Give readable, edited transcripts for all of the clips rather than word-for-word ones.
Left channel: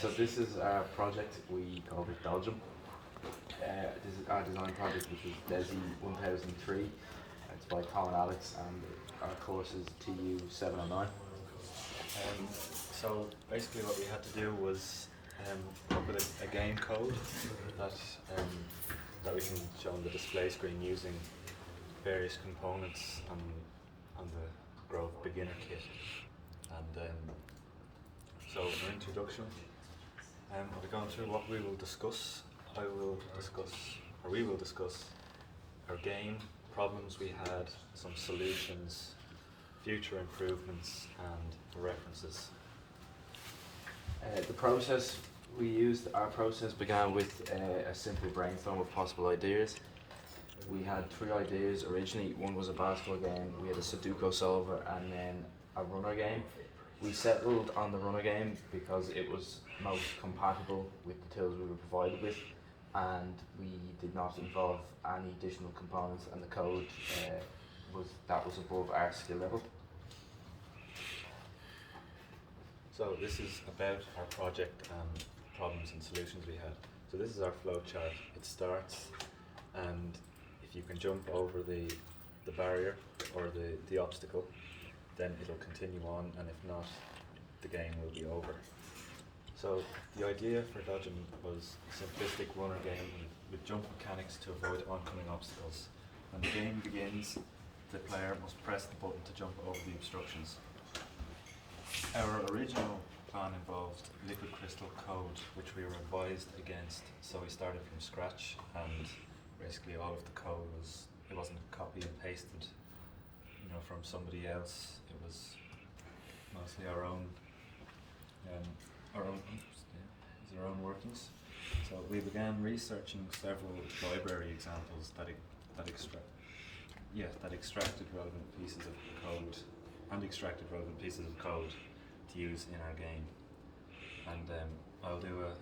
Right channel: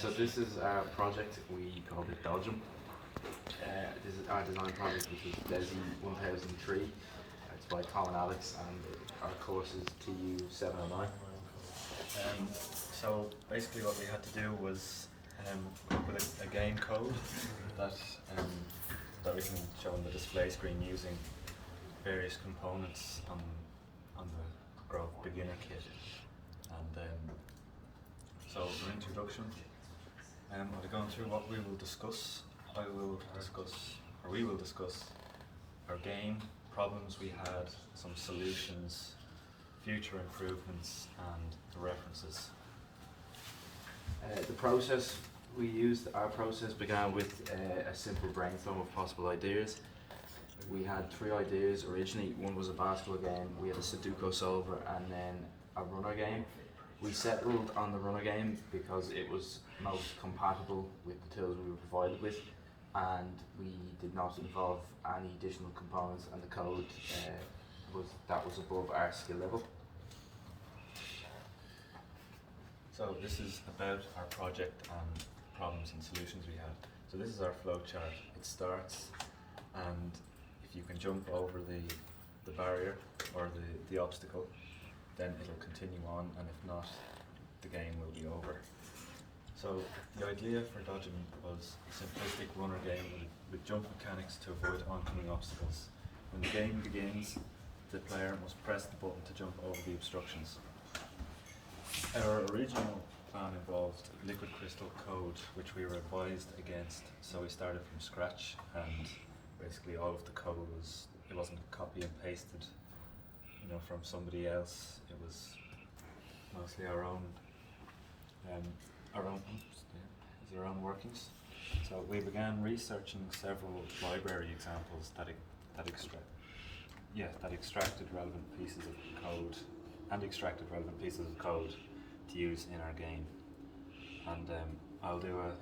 So this is our project. We called it Dodgem. This is our design project, which is DESI 1003. It's by Tom and Alex, and our course is TU709. So basically what we had to do was come up with a game code that we can show on the display screen using various components on the Grove beginner kit. And so for introduction, I'll be going through what we will discuss. We will discuss our game, problems we had, some solutions, future improvements, and references. The process we used, our process began with a simple brainstorm of possible ideas. We had 3 ideas originally. One was a basketball game, we had a Sudoku solver, and then a runner game. We settled on the runner game because it was most compatible with the tools we were provided with, and we did not involve any additional components, and the code was above our skill level. So this is about our project and problems and solutions we had. So this is our flow chart. It starts, and if you can jump over the barrier or the obstacle, then it'll continue on, and if not, the game will be over. So the idea for Dodgem was a simplistic runner game with jump mechanics to avoid oncoming obstacles. When the game begins, the player must press the button to jump over the obstructions. Our original plan involved liquid crystal code, which we were advised against, so we started from scratch, and basically all of the code it wasn't copy and pasted, from somebody else. It was mostly our own workings. So we began researching several library examples that extracted relevant pieces of code to use in our game. And I'll do a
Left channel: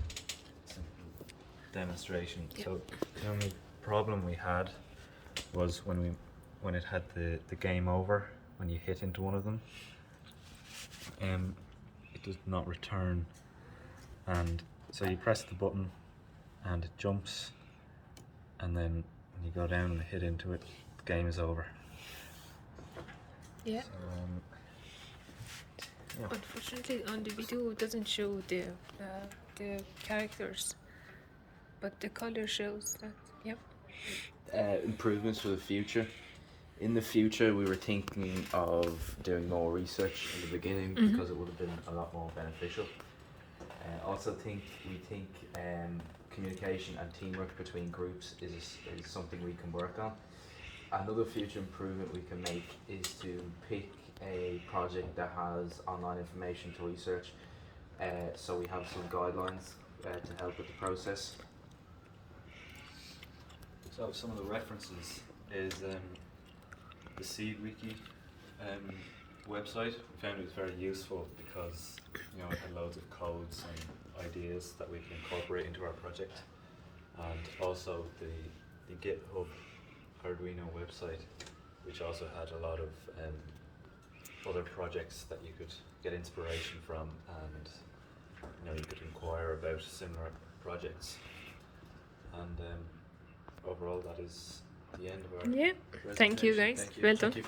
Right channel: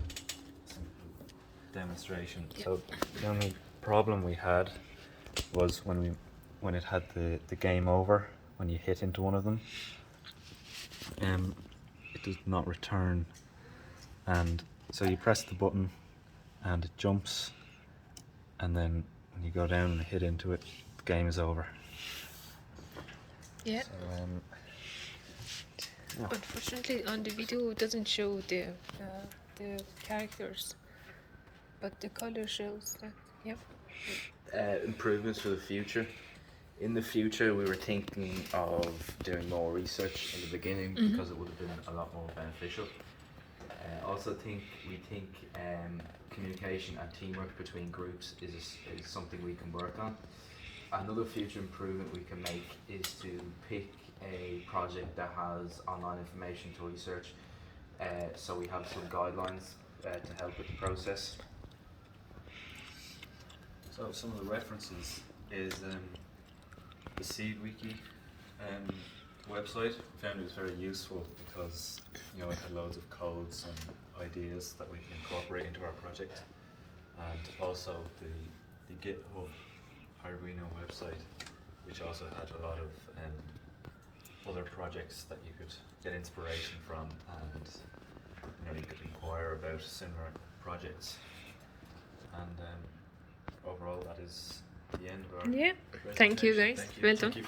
simple demonstration. Yep. So the only problem we had was when it had the game over, when you hit into one of them, it does not return, and so you press the button and it jumps, and then when you go down and hit into it, the game is over. Yeah. So, Unfortunately, on the video it doesn't show the characters, but the color shows that. Yep. Improvements for the future. In the future, we were thinking of doing more research in the beginning because it would have been a lot more beneficial. We think communication and teamwork between groups is something we can work on. Another future improvement we can make is to pick a project that has online information to research, so we have some guidelines to help with the process. So some of the references is the Seed Wiki website. I found it was very useful because it had loads of codes and ideas that we can incorporate into our project, and also the GitHub Arduino website, which also had a lot of other projects that you could get inspiration from, and you could inquire about similar projects. And overall, that is the end of our Yeah. presentation. Thank you, guys. Thank you. Well Thank done. you.